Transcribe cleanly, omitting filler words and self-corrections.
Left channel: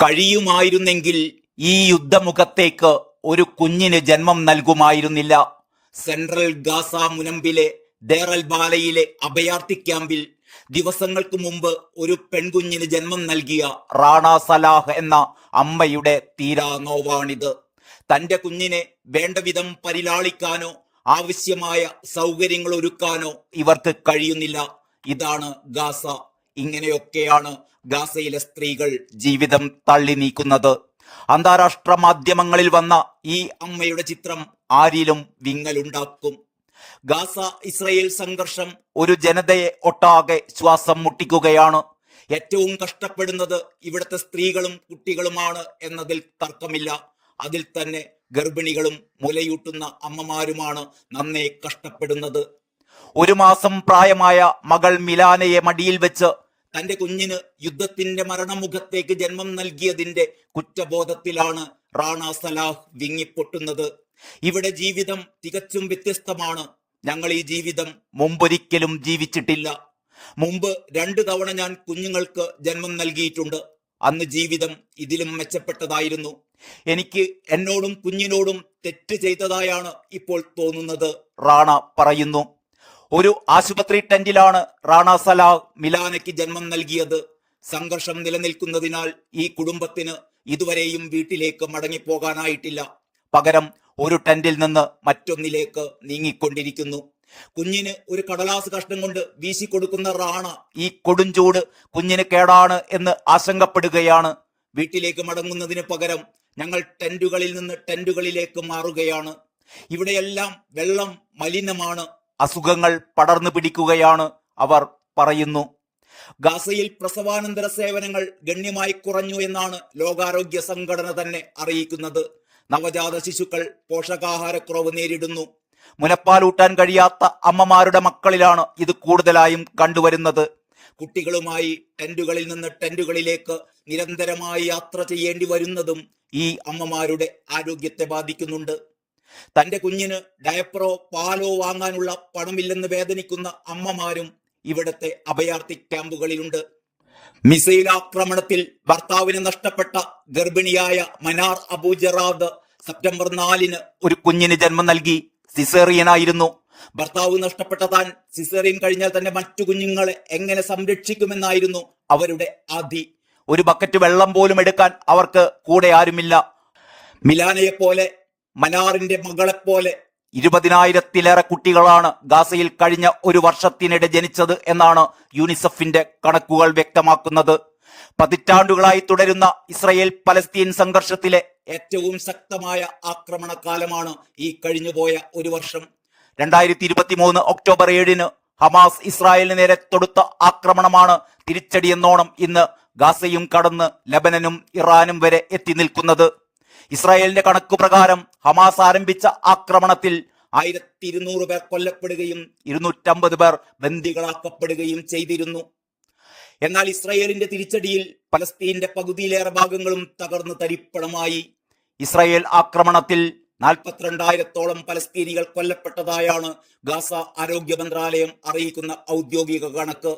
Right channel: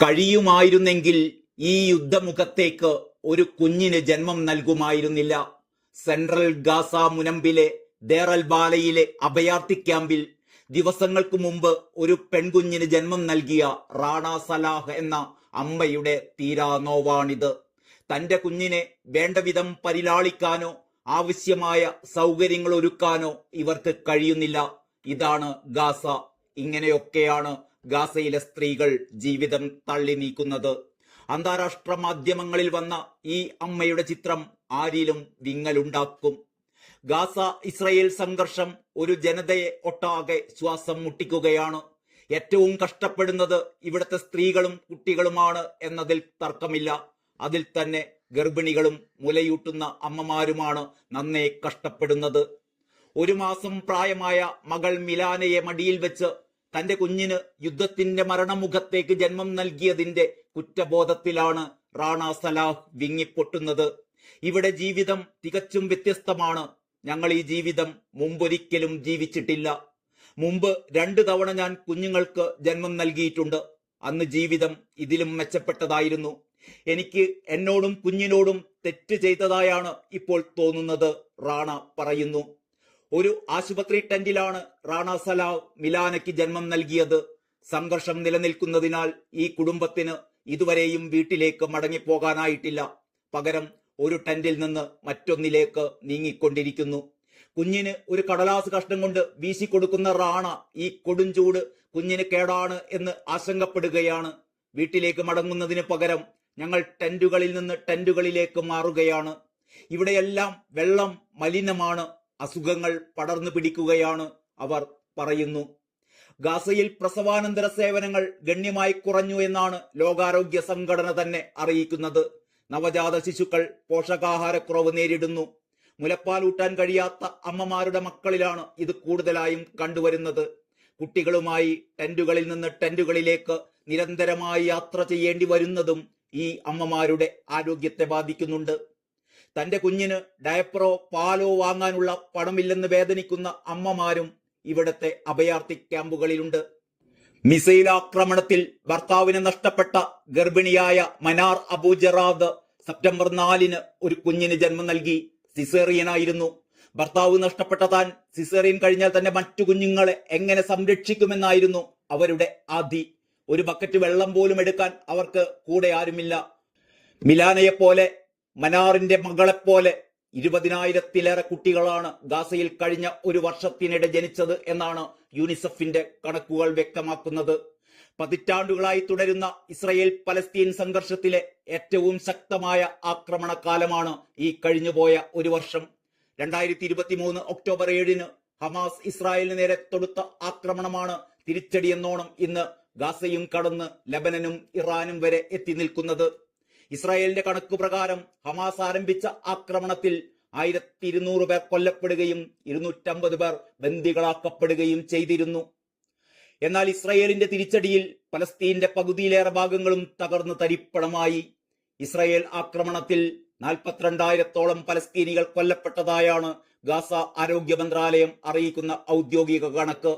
കഴിയുമായിരുന്നെങ്കിൽ ഈ യുദ്ധമുഖത്തേക്ക് ഒരു കുഞ്ഞിന് ജന്മം നൽകുമായിരുന്നില്ല. സെൻട്രൽ ഗാസ മുനമ്പിലെ ദേർ ബാലയിലെ അഭയാർത്ഥി ക്യാമ്പിൽ ദിവസങ്ങൾക്ക് മുമ്പ് ഒരു പെൺകുഞ്ഞിന് ജന്മം നൽകിയ റാണ സലാഹ് എന്ന അമ്മയുടെ തീരാ നോവാണിത്. തന്റെ കുഞ്ഞിനെ വേണ്ടവിധം പരിലാളിക്കാനോ ആവശ്യമായ സൗകര്യങ്ങൾ ഒരുക്കാനോ ഇവർക്ക് കഴിയുന്നില്ല. ഇതാണ് ഗാസ. ഇങ്ങനെയൊക്കെയാണ് ഗാസയിലെ സ്ത്രീകൾ ജീവിതം തള്ളി നീക്കുന്നത്. അന്താരാഷ്ട്ര മാധ്യമങ്ങളിൽ വന്ന ഈ അമ്മയുടെ ചിത്രം ആരിലും വിങ്ങലുണ്ടാക്കും. ഗാസ ഇസ്രയേൽ സംഘർഷം ഒരു ജനതയെ ഒട്ടാകെ ശ്വാസം മുട്ടിക്കുകയാണ്. ഏറ്റവും കഷ്ടപ്പെടുന്നത് ഇവിടുത്തെ സ്ത്രീകളും കുട്ടികളുമാണ് എന്നതിൽ തർക്കമില്ല. അതിൽ തന്നെ ഗർഭിണികളും മുലയൂട്ടുന്ന അമ്മമാരുമാണ് നന്നേ കഷ്ടപ്പെടുന്നത്. 1 മാസം പ്രായമായ മകൾ മിലാനയെ മടിയിൽ വെച്ച് തന്റെ കുഞ്ഞിന് യുദ്ധത്തിന്റെ മരണമുഖത്തേക്ക് ജന്മം നൽകിയതിന്റെ കുറ്റബോധത്തിലാണ് റാണ സലാഹ് വിങ്ങിപ്പൊട്ടുന്നത്. ഇവിടെ ജീവിതം തികച്ചും വ്യത്യസ്തമാണ്. ഞങ്ങൾ ഈ ജീവിതം മുമ്പൊരിക്കലും ജീവിച്ചിട്ടില്ല. മുമ്പ് 2 തവണ ഞാൻ കുഞ്ഞുങ്ങൾക്ക് ജന്മം നൽകിയിട്ടുണ്ട്. അന്ന് ജീവിതം ഇതിലും മെച്ചപ്പെട്ടതായിരുന്നു. എനിക്ക് എന്നോടും കുഞ്ഞിനോടും തെറ്റ് ചെയ്തതായാണ് ഇപ്പോൾ തോന്നുന്നത്, റാണ പറയുന്നു. ഒരു ആശുപത്രി ടെന്റിലാണ് റാണ സലാഹ് മിലാനയ്ക്ക് ജന്മം നൽകിയത്. സംഘർഷം നിലനിൽക്കുന്നതിനാൽ ഈ കുടുംബത്തിന് ഇതുവരെയും വീട്ടിലേക്ക് മടങ്ങിപ്പോകാനായിട്ടില്ല. പകരം ഒരു ടെന്റിൽ നിന്ന് മറ്റൊന്നിലേക്ക് നീങ്ങിക്കൊണ്ടിരിക്കുന്നു. കുഞ്ഞിന് ഒരു കടലാസ് കഷ്ണം കൊണ്ട് വീശിക്കൊടുക്കുന്ന റാണ ഈ കൊടുംചൂട് കുഞ്ഞിന് കേടാണ് എന്ന് ആശങ്കപ്പെടുകയാണ്. വീട്ടിലേക്ക് മടങ്ങുന്നതിന് പകരം ഞങ്ങൾ ടെന്റുകളിൽ നിന്ന് ടെന്റുകളിലേക്ക് മാറുകയാണ്. ഇവിടെയെല്ലാം വെള്ളം മലിനമാണ്. അസുഖങ്ങൾ പടർന്നു പിടിക്കുകയാണ്, അവർ പറയുന്നു. ഗാസയിൽ പ്രസവാനന്തര സേവനങ്ങൾ ഗണ്യമായി കുറഞ്ഞു എന്നാണ് ലോകാരോഗ്യ സംഘടന തന്നെ അറിയിക്കുന്നത്. നവജാത ശിശുക്കൾ പോഷകാഹാരക്കുറവ് നേരിടുന്നു. മുലപ്പാലൂട്ടാൻ കഴിയാത്ത അമ്മമാരുടെ മക്കളിലാണ് ഇത് കൂടുതലായും കണ്ടുവരുന്നത്. കുട്ടികളുമായി ടെന്റുകളിൽ നിന്ന് ടെന്റുകളിലേക്ക് നിരന്തരമായി യാത്ര ചെയ്യേണ്ടി വരുന്നതും ഈ അമ്മമാരുടെ ആരോഗ്യത്തെ ബാധിക്കുന്നുണ്ട്. തന്റെ കുഞ്ഞിന് ഡയപ്പറോ പാലോ വാങ്ങാനുള്ള പണമില്ലെന്ന് വേദനിക്കുന്ന അമ്മമാരും ഇവിടത്തെ അഭയാർത്ഥി ക്യാമ്പുകളിലുണ്ട്. മിസൈൽ ആക്രമണത്തിൽ ഭർത്താവിനെ നഷ്ടപ്പെട്ട ഗർഭിണിയായ മനാർ അബു ജറാദ് സെപ്റ്റംബർ 4 ഒരു കുഞ്ഞിന് ജന്മം നൽകി. സിസേറിയനായിരുന്നു. ഭർത്താവ് നഷ്ടപ്പെട്ട താൻ സിസേറിയൻ കഴിഞ്ഞാൽ തന്നെ മറ്റു കുഞ്ഞുങ്ങളെ എങ്ങനെ സംരക്ഷിക്കുമെന്നായിരുന്നു അവരുടെ ആധി. ഒരു ബക്കറ്റ് വെള്ളം പോലും എടുക്കാൻ അവർക്ക് കൂടെ ആരുമില്ല. മിലാനയെപ്പോലെ മനാറിന്റെ മകളെപ്പോലെ 20,000-ലേറെ കുട്ടികളാണ് ഗാസയിൽ കഴിഞ്ഞ ഒരു വർഷത്തിനിടെ ജനിച്ചത് എന്നാണ് യൂണിസെഫിന്റെ കണക്കുകൾ വ്യക്തമാക്കുന്നത്. പതിറ്റാണ്ടുകളായി തുടരുന്ന ഇസ്രയേൽ പലസ്തീൻ സംഘർഷത്തിലെ ഏറ്റവും ശക്തമായ ആക്രമണകാലമാണ് ഈ കഴിഞ്ഞുപോയ ഒരു വർഷം. 2023 ഒക്ടോബർ 7 ഹമാസ് ഇസ്രായേലിന് നേരെ തൊടുത്ത ആക്രമണമാണ് തിരിച്ചടിയെന്നോണം ഇന്ന് ഗാസയും കടന്ന് ലബനനും ഇറാനും വരെ എത്തി നിൽക്കുന്നത്. ഇസ്രായേലിന്റെ കണക്കു പ്രകാരം ഹമാസ് ആരംഭിച്ച ആക്രമണത്തിൽ 1200 പേർ കൊല്ലപ്പെടുകയും 250 പേർ ബന്ദികളാക്കപ്പെടുകയും ചെയ്തിരുന്നു. എന്നാൽ ഇസ്രായേലിന്റെ തിരിച്ചടിയിൽ പലസ്തീന്റെ പകുതിയിലേറെ ഭാഗങ്ങളും തകർന്ന് തരിപ്പണമായി. ഇസ്രായേൽ ആക്രമണത്തിൽ 42,000-ഓളം പലസ്തീനികൾ കൊല്ലപ്പെട്ടതായാണ് ഗാസ ആരോഗ്യ മന്ത്രാലയം അറിയിക്കുന്ന ഔദ്യോഗിക കണക്ക്.